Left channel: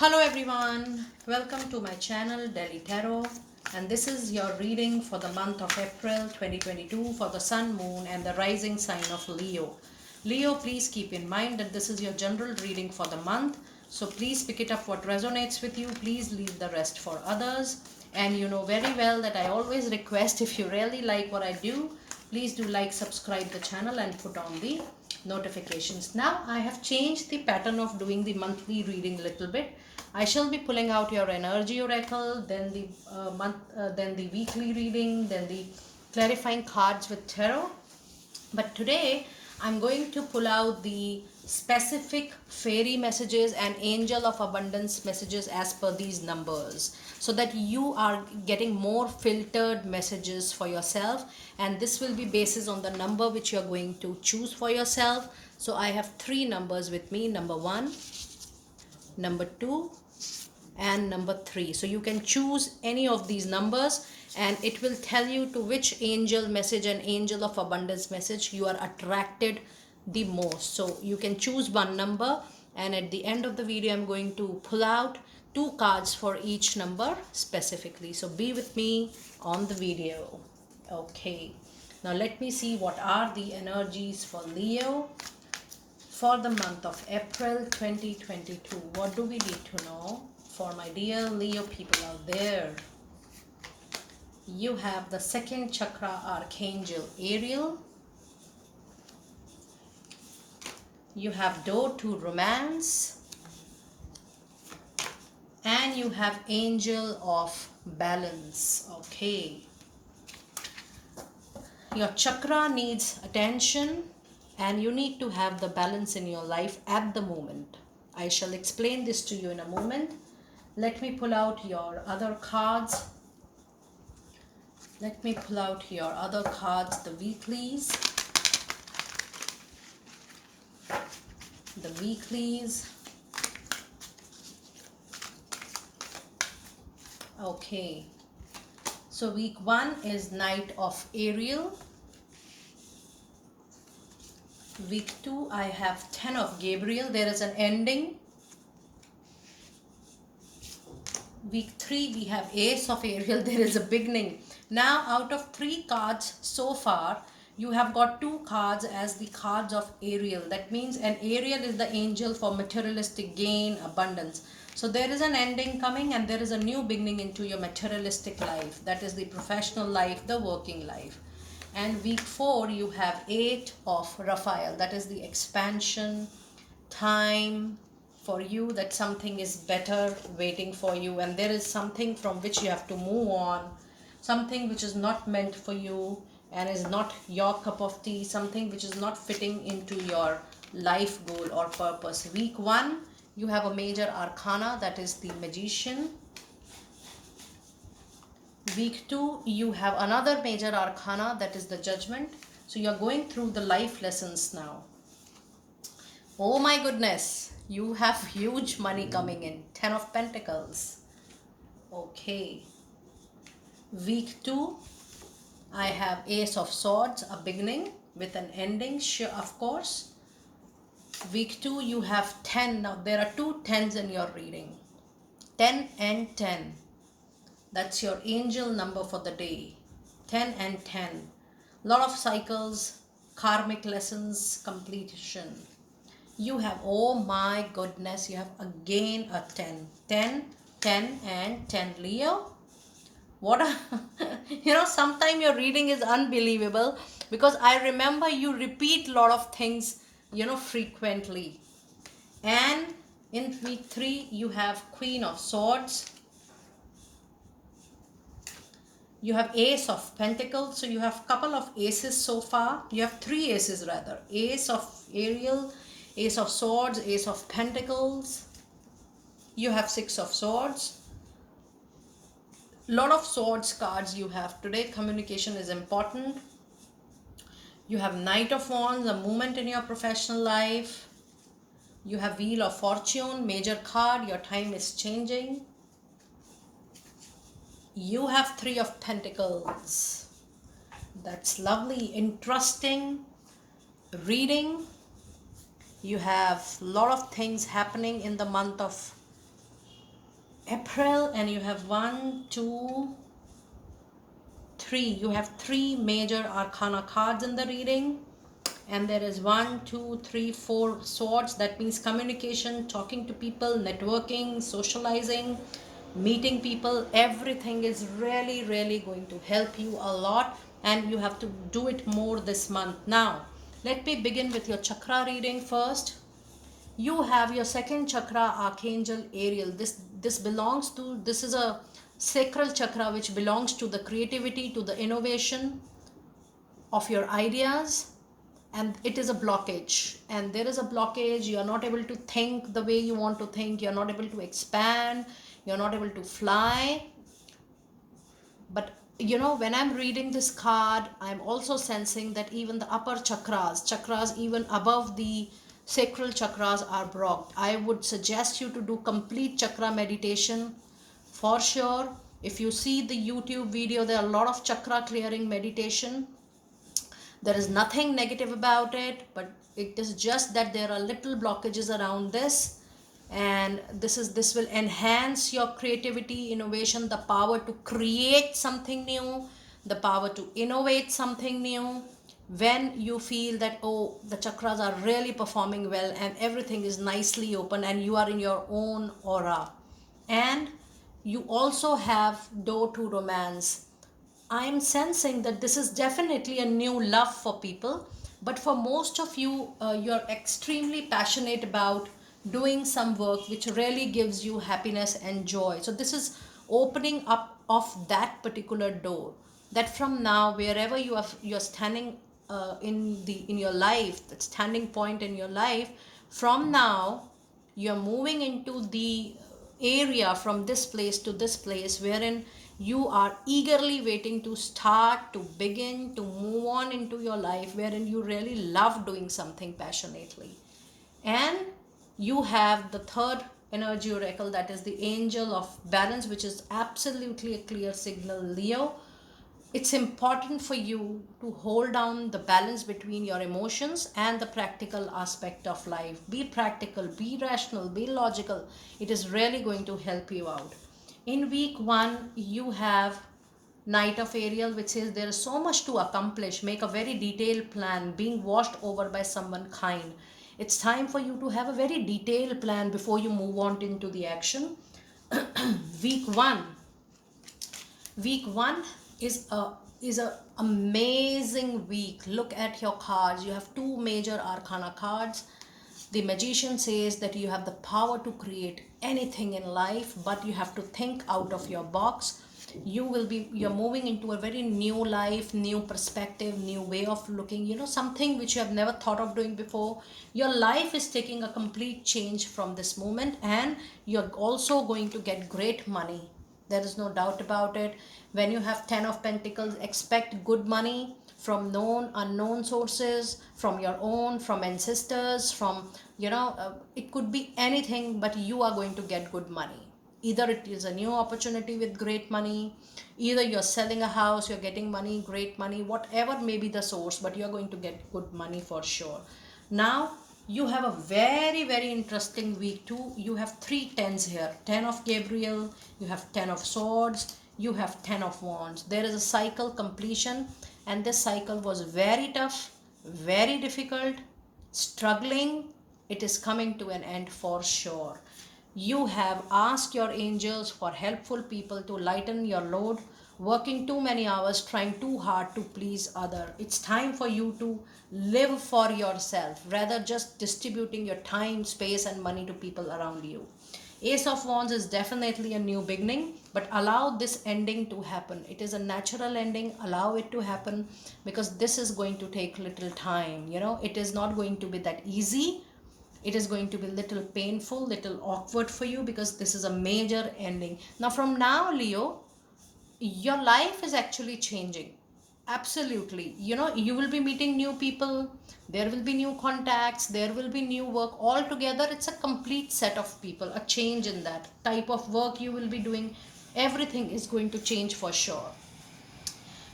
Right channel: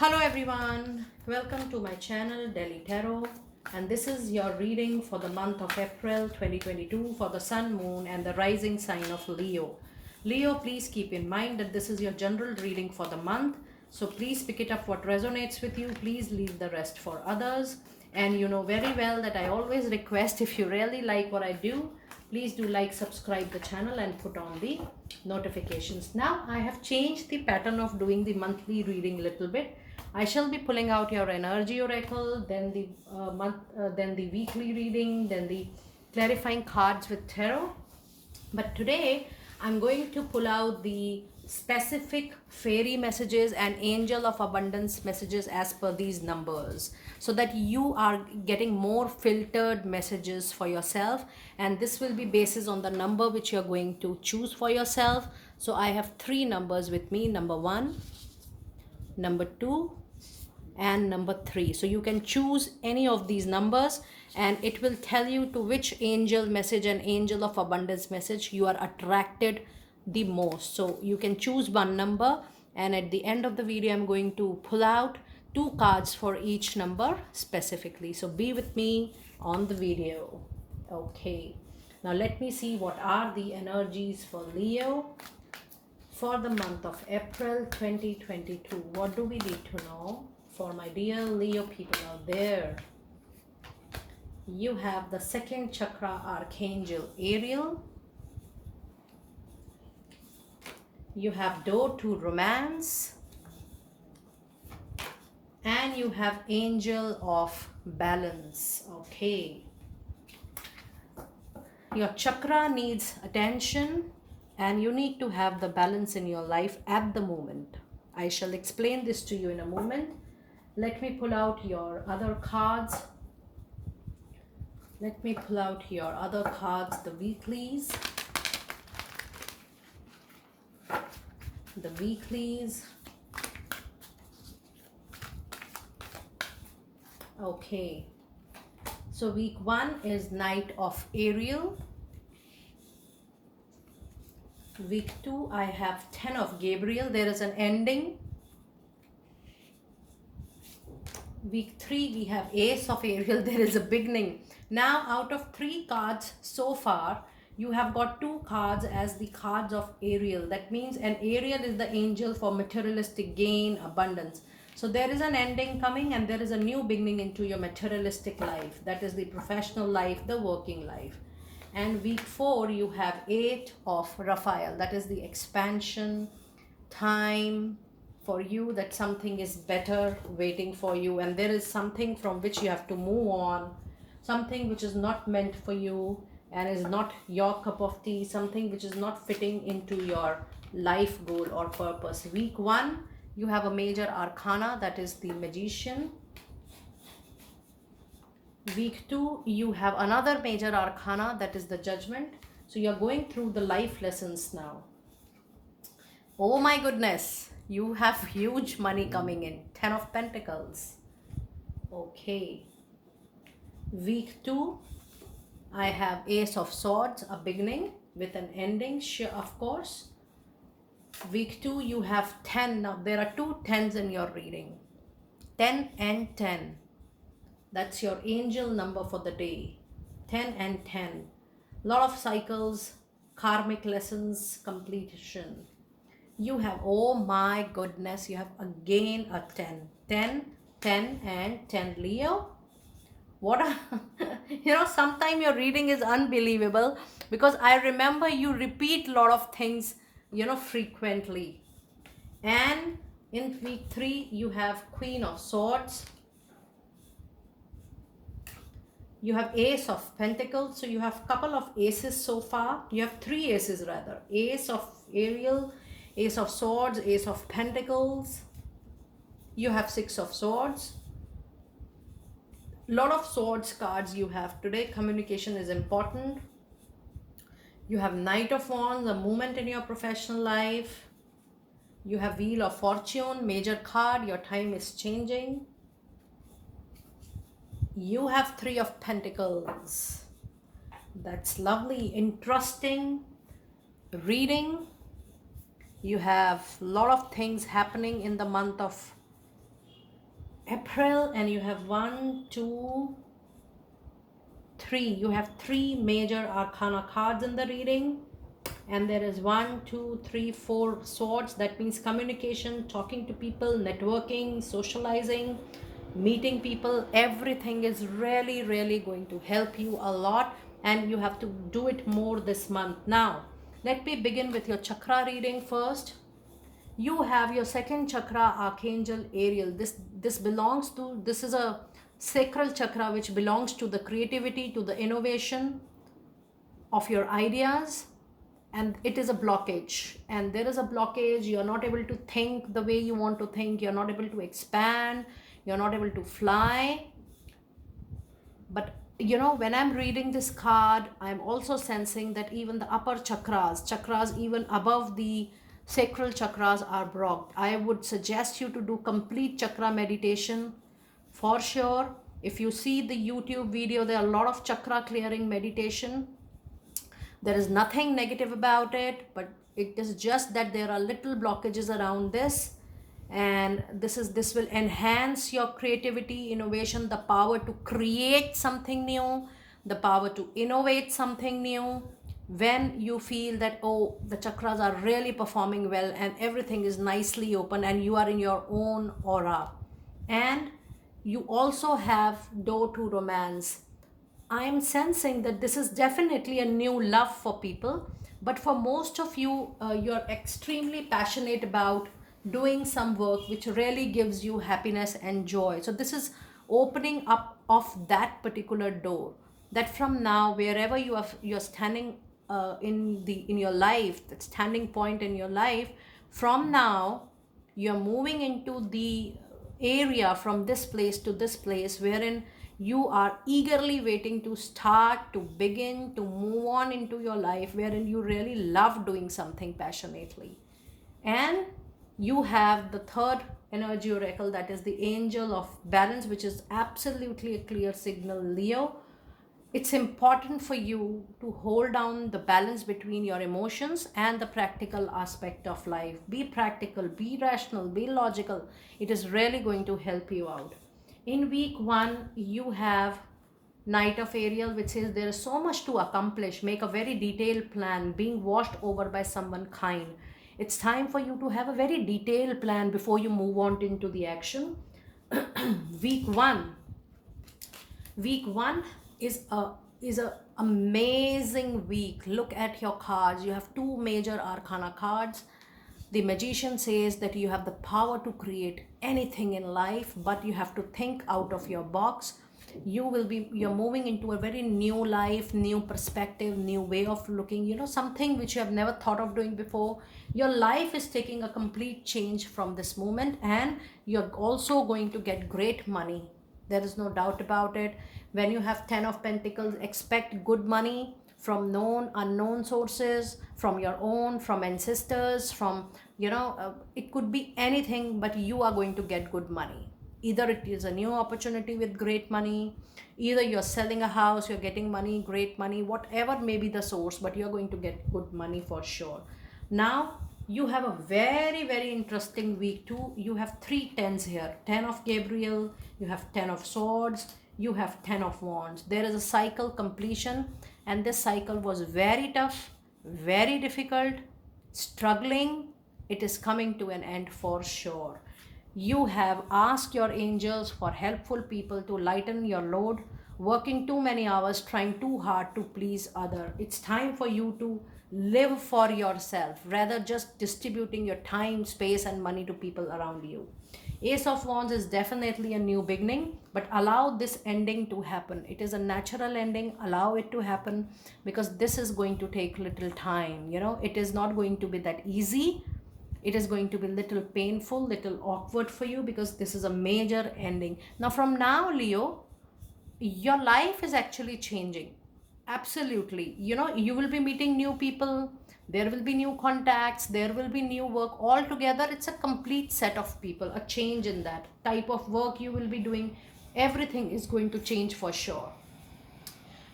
Hello everyone, welcome to my channel Delhi Tarot, and this is your reading for the month of April 2022 for the Sun, Moon and the rising sign of Leo. Leo, please keep in mind that this is your general reading for the month, so please pick it up what resonates with you. Please leave the rest for others. And you know very well that I always request, if you really like what I do, please do like, subscribe the channel and put on the notifications. Now I have changed the pattern of doing the monthly reading a little bit. I shall be pulling out your energy oracle, then then the weekly reading, then the clarifying cards with tarot. But today I'm going to pull out the specific fairy messages and angel of abundance messages as per these numbers, so that you are getting more filtered messages for yourself, and this will be basis on the number which you're going to choose for yourself. So I have three numbers with me: number 1, number 2 and number 3. So you can choose any of these numbers and it will tell you to which angel message and angel of abundance message you are attracted the most. So you can choose one number, and at the end of the video I'm going to pull out 2 cards for each number specifically. So be with me on the video. Okay, now let me see what are the energies for Leo for the month of April 2022. What do we need to know for my dear Leo people out there? You have the second chakra archangel Ariel. You have door to romance. And you have angel of balance. Okay. Your chakra needs attention, and you need to have the balance in your life at the moment. I shall explain this to you in a moment. Let me pull out your other cards. Let me pull out your other cards, the weeklies. The weeklies. Okay. So week 1 is Knight of Ariel. Week 2, I have 10 of Gabriel. There is an ending. Week 3, we have Ace of Ariel. There is a beginning. Now, out of 3 cards so far, you have got 2 cards as the cards of Ariel. That means an Ariel is the angel for materialistic gain, abundance. So there is an ending coming and there is a new beginning into your materialistic life. That is the professional life, the working life. And week 4, you have 8 of Raphael. That is the expansion, time for you, that something is better waiting for you, and there is something from which you have to move on, something which is not meant for you and is not your cup of tea, something which is not fitting into your life goal or purpose. Week 1, you have a major arcana, that is the magician. Week 2, you have another major arcana, that is the judgment. So you're going through the life lessons now. Oh my goodness, you have huge money coming in. 10 of Pentacles. Okay. Week 2, I have Ace of Swords, a beginning with an ending, sure, of course. Week 2, you have 10. Now there are 2 10s in your reading. 10 and 10. That's your angel number for the day. 10 and 10. Lot of cycles, karmic lessons, completion. You have, oh my goodness, you have again a 10. 10, 10 and 10. Leo, what a, sometimes your reading is unbelievable, because I remember you repeat a lot of things, frequently. And in week 3, you have Queen of Swords. You have Ace of Pentacles. So you have couple of aces so far. You have 3 aces rather. Ace of Ariel, Ace of Swords, Ace of Pentacles. You have 6 of Swords. Lot of swords cards you have today. Communication is important. You have Knight of Wands, a movement in your professional life. You have Wheel of Fortune, major card. Your time is changing. You have 3 of Pentacles. That's lovely, interesting reading. You have a lot of things happening in the month of April, and you have 1, 2, 3. You have 3 major arcana cards in the reading, and there is 1, 2, 3, 4 swords. That means communication, talking to people, networking, socializing, meeting people. Everything is really, really going to help you a lot, and you have to do it more this month. Now, let me begin with your chakra reading first. You have your second chakra, Archangel Ariel. This is a sacral chakra which belongs to the creativity, to the innovation of your ideas, and it is a blockage, and there is a blockage. You're not able to think the way you want to think, you're not able to expand, you're not able to fly. But when I'm reading this card, I'm also sensing that even the upper chakras even above the sacral chakras are blocked. I would suggest you to do complete chakra meditation for sure. If you see the YouTube video, there are a lot of chakra clearing meditation. There is nothing negative about it, but it is just that there are little blockages around this, and this will enhance your creativity, innovation, the power to create something new, the power to innovate something new. When you feel that, oh, the chakras are really performing well and everything is nicely open and you are in your own aura, and you also have door to romance. I'm sensing that this is definitely a new love for people, but for most of you, you're extremely passionate about doing some work which really gives you happiness and joy. So this is opening up of that particular door. That from now, wherever you're standing in your life, that standing point in your life, from now you're moving into the area from this place to this place wherein you are eagerly waiting to start, to begin, to move on into your life, wherein you really love doing something passionately. And you have the third energy oracle, that is the angel of balance, which is absolutely a clear signal, Leo. It's important for you to hold down the balance between your emotions and the practical aspect of life. Be practical, be rational, be logical. It is really going to help you out. In week 1, you have Knight of Ariel, which says there is so much to accomplish. Make a very detailed plan, being washed over by someone kind. It's time for you to have a very detailed plan before you move on into the action. week 1 week 1 is a amazing week. Look at your cards. You have 2 major arcana cards. The magician says that you have the power to create anything in life, but you have to think out of your box. You're moving into a very new life, new perspective, new way of looking, something which you have never thought of doing before. Your life is taking a complete change from this moment, and you're also going to get great money. There is no doubt about it. When you have 10 of Pentacles, expect good money from known, unknown sources, from your own, from ancestors, it could be anything, but you are going to get good money. Either it is a new opportunity with great money, either you're selling a house, you're getting money, great money, whatever may be the source, but you're going to get good money for sure. Now, you have a very, very interesting week too. You have 3 tens here. 10 of Gabriel, you have 10 of Swords, you have 10 of Wands. There is a cycle completion, and this cycle was very tough, very difficult, struggling. It is coming to an end for sure. You have asked your angels for helpful people to lighten your load, working too many hours, trying too hard to please other. It's time for you to live for yourself, rather just distributing your time, space, and money to people around you. Ace of Wands is definitely a new beginning, but allow this ending to happen. It is a natural ending. Allow it to happen, because this is going to take little time. It is not going to be that easy. It is going to be little painful, little awkward for you, because this is a major ending. Now, from now, Leo, your life is actually changing. Absolutely. You will be meeting new people. There will be new contacts. There will be new work. Altogether, it's a complete set of people, a change in that type of work you will be doing. Everything is going to change for sure.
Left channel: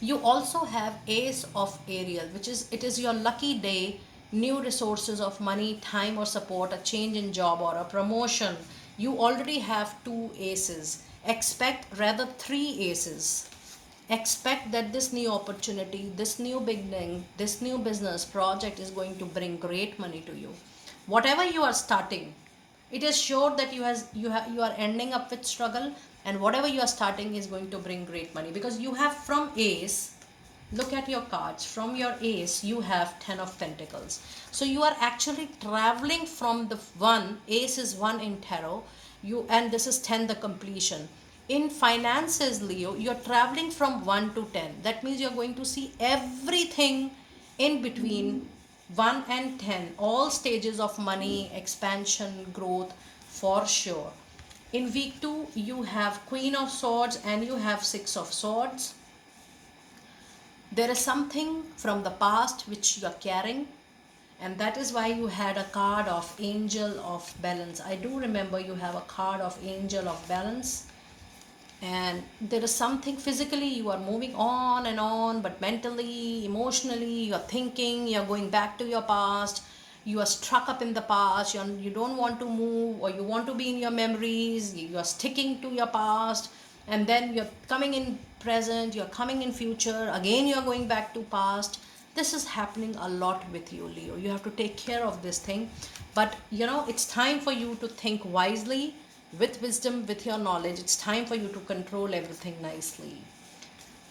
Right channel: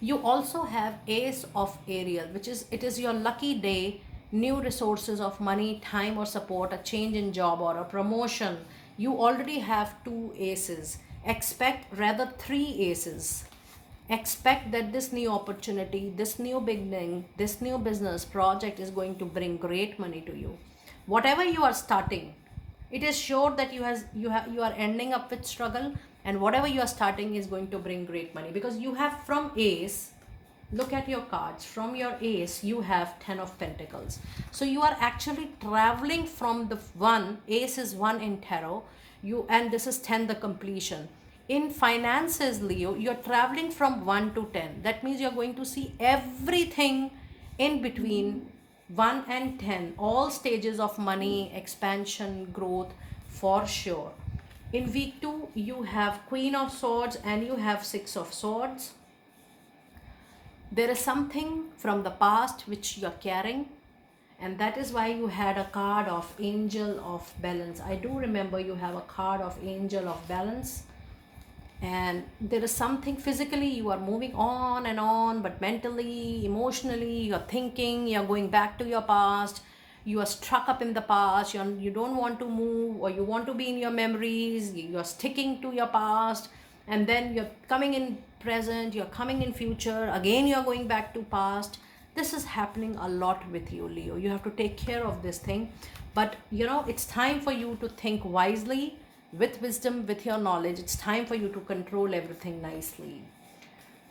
You also have Ace of Ariel, it is your lucky day. New resources of money, time, or support, a change in job or a promotion. You already have 2 aces. Expect rather 3 aces. Expect that this new opportunity, this new beginning, this new business project is going to bring great money to you. Whatever you are starting, it is sure that you are ending up with struggle, and whatever you are starting is going to bring great money, because you have from ace. Look at your cards. From your ace, you have 10 of pentacles. So you are actually traveling from the one. Ace is 1 in tarot. And this is 10, the completion. In finances, Leo, you're traveling from 1 to 10. That means you're going to see everything in between 1 and 10. All stages of money, expansion, growth, for sure. In week 2, you have Queen of Swords and you have 6 of Swords. There is something from the past which you are carrying, and that is why you had a card of Angel of Balance. I do remember you have a card of Angel of Balance, and there is something physically you are moving on and on, but mentally, emotionally, you are thinking, you are going back to your past, you are stuck up in the past, you don't want to move, or you want to be in your memories, you are sticking to your past, and then you're coming in present, you're coming in future, again you're going back to past. This is happening a lot with you, Leo. You have to take care of this thing, but it's time for you to think wisely, with wisdom, with your knowledge. It's time for you to control everything nicely.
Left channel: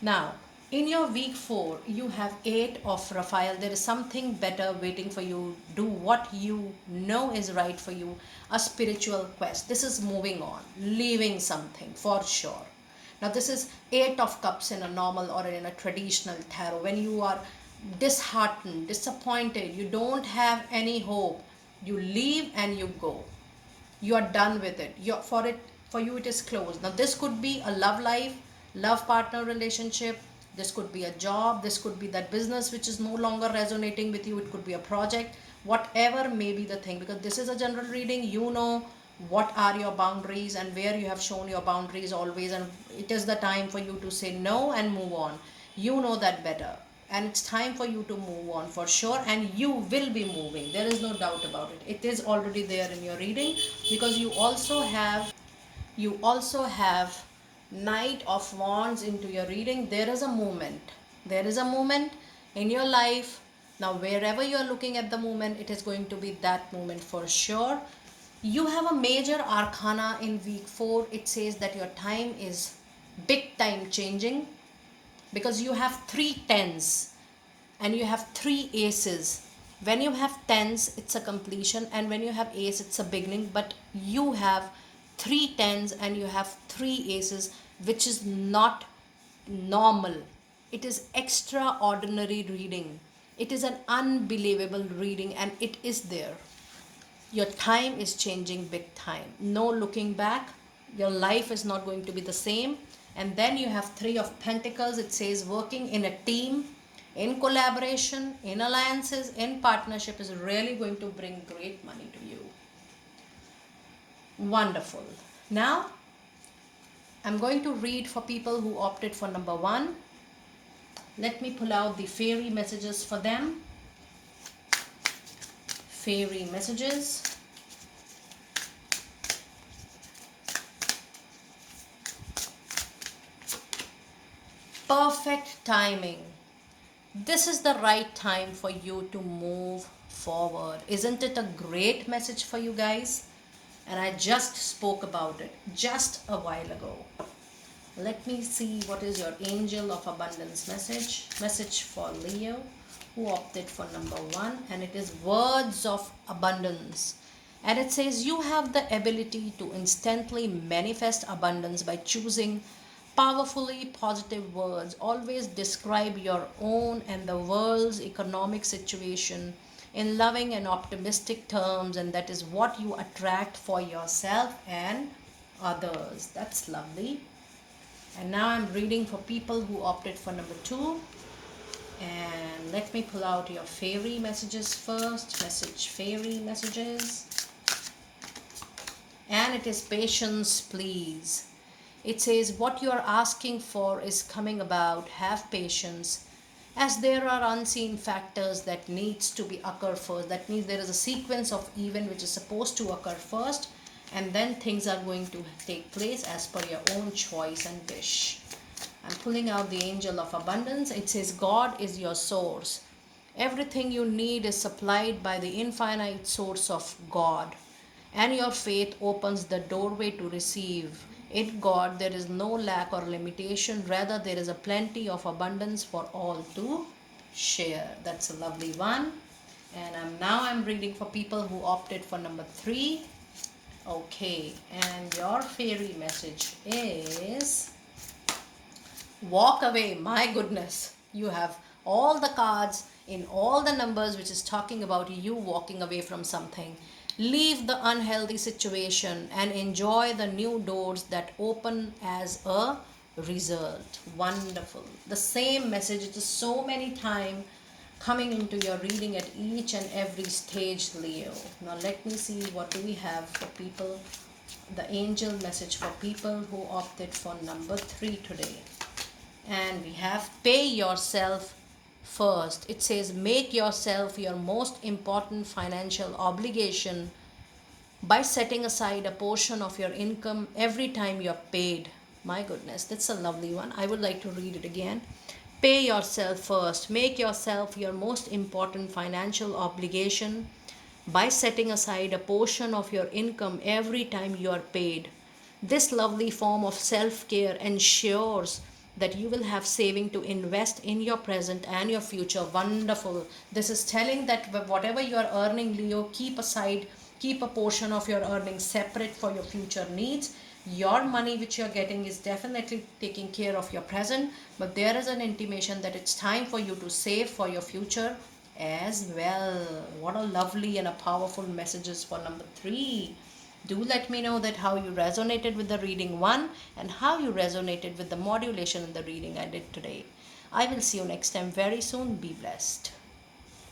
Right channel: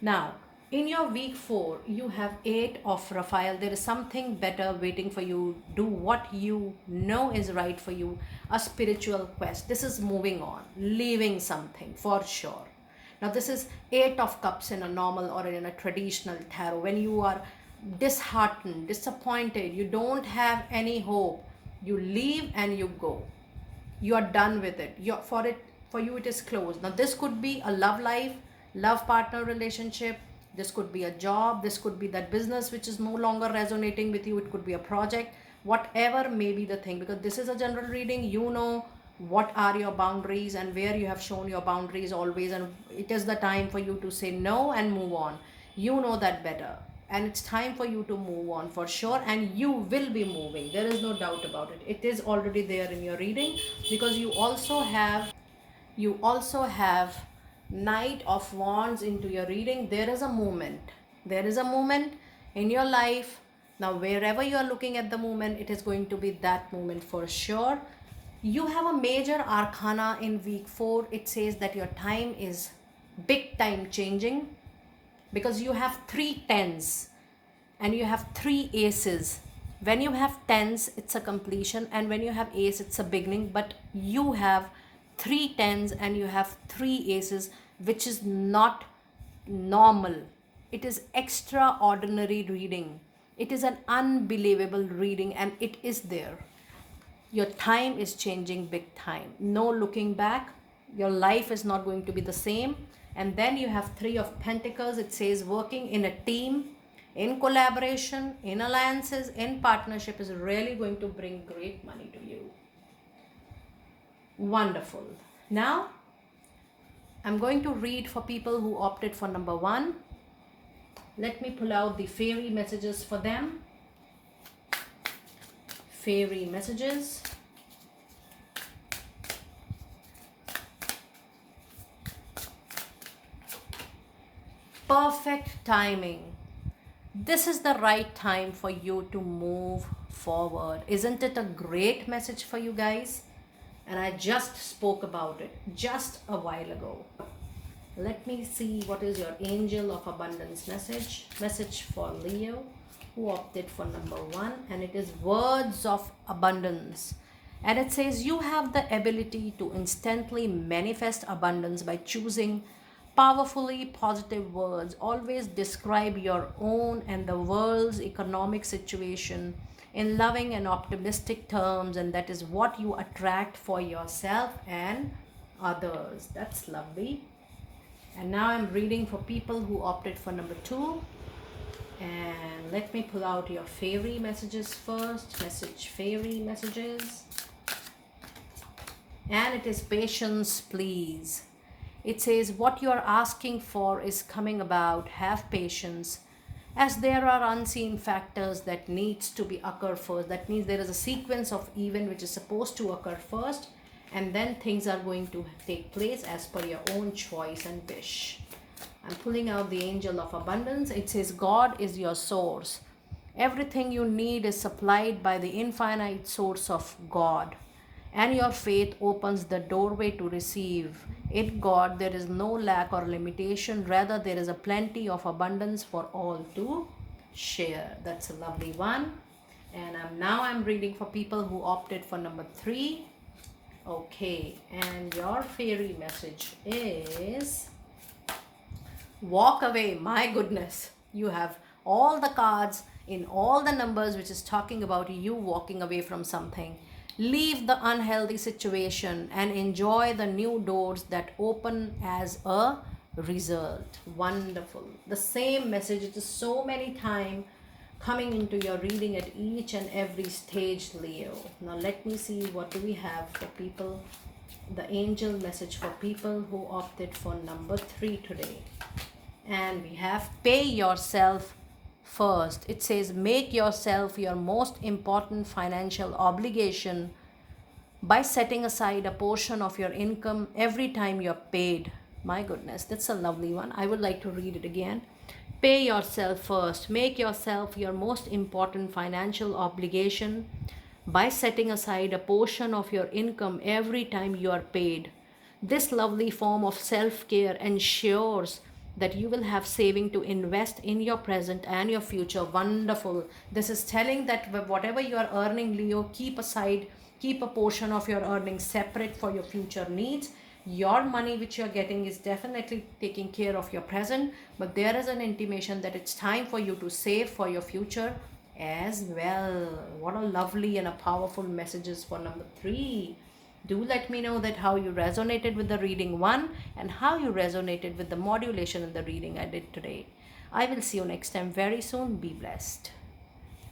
Now, in your week 4, you have 8 of Raphael. There is something better waiting for you. Do what you know is right for you. A spiritual quest. This is moving on, leaving something for sure. Now, this is 8 of Cups in a normal or in a traditional tarot. When you are disheartened, disappointed, you don't have any hope, you leave and you go. You are done with it. For you it is closed. Now, this could be a love life, love partner relationship. This could be a job. This could be that business which is no longer resonating with you. It could be a project. Whatever may be the thing, because this is a general reading. You know what are your boundaries and where you have shown your boundaries always, and it is the time for you to say no and move on. You know that better, and it's time for you to move on for sure, and you will be moving. There is no doubt about it. It is already there in your reading, because you also have Knight of Wands into your reading. There is a moment in your life. Now, wherever you are looking at the moment, it is going to be that moment for sure. You have a major arcana in week 4. It says that your time is big time changing, because you have 3 tens and you have 3 aces. When you have tens, it's a completion, and when you have ace, it's a beginning. But you have 3 tens and you have 3 aces, which is not normal. It is extraordinary reading. It is an unbelievable reading, and it is there. Your time is changing big time. No looking back. Your life is not going to be the same. And then you have 3 of Pentacles. It says working in a team, in collaboration, in alliances, in partnership is really going to bring great money to you. Wonderful. Now, I'm going to read for people who opted for number 1. Let me pull out the fairy messages for them. Fairy messages. Perfect timing. This is the right time for you to move forward. Isn't it a great message for you guys? And I just spoke about it just a while ago. Let me see what is your Angel of Abundance message for Leo who opted for number 1, and it is words of abundance. And it says you have the ability to instantly manifest abundance by choosing powerfully positive words. Always describe your own and the world's economic situation in loving and optimistic terms, and that is what you attract for yourself and others. That's lovely. And now I'm reading for people who opted for number 2. And let me pull out your fairy messages first. Fairy messages. And it is patience, please. It says what you are asking for is coming about. Have patience, as there are unseen factors that needs to be occur first. That means there is a sequence of event which is supposed to occur first, and then things are going to take place as per your own choice and wish. I'm pulling out the angel of abundance. It says God is your source. Everything you need is supplied by the infinite source of God, and your faith opens the doorway to receive. In God, there is no lack or limitation. Rather, there is a plenty of abundance for all to share. That's a lovely one. And I'm reading for people who opted for number 3. Okay, and your fairy message is walk away. My goodness, you have all the cards in all the numbers, which is talking about you walking away from something. Leave the unhealthy situation and enjoy the new doors that open as a result. Wonderful. The same message, it is so many times coming into your reading at each and every stage, Leo. Now let me see, what do we have for people, the angel message for people who opted for number 3 today. And we have pay yourself first. It says make yourself your most important financial obligation by setting aside a portion of your income every time you're paid. My goodness, that's a lovely one. I would like to read it again. Pay yourself first. Make yourself your most important financial obligation by setting aside a portion of your income every time you are paid. This lovely form of self care ensures that you will have saving to invest in your present and your future. Wonderful. This is telling that whatever you are earning, Leo, keep aside, keep a portion of your earnings separate for your future needs. Your money which you're getting is definitely taking care of your present, but there is an intimation that it's time for you to save for your future as well. What a lovely and a powerful messages for number 3. Do let me know that how you resonated with the reading 1 and how you resonated with the modulation in the reading I did today. I will see you next time very soon. Be blessed.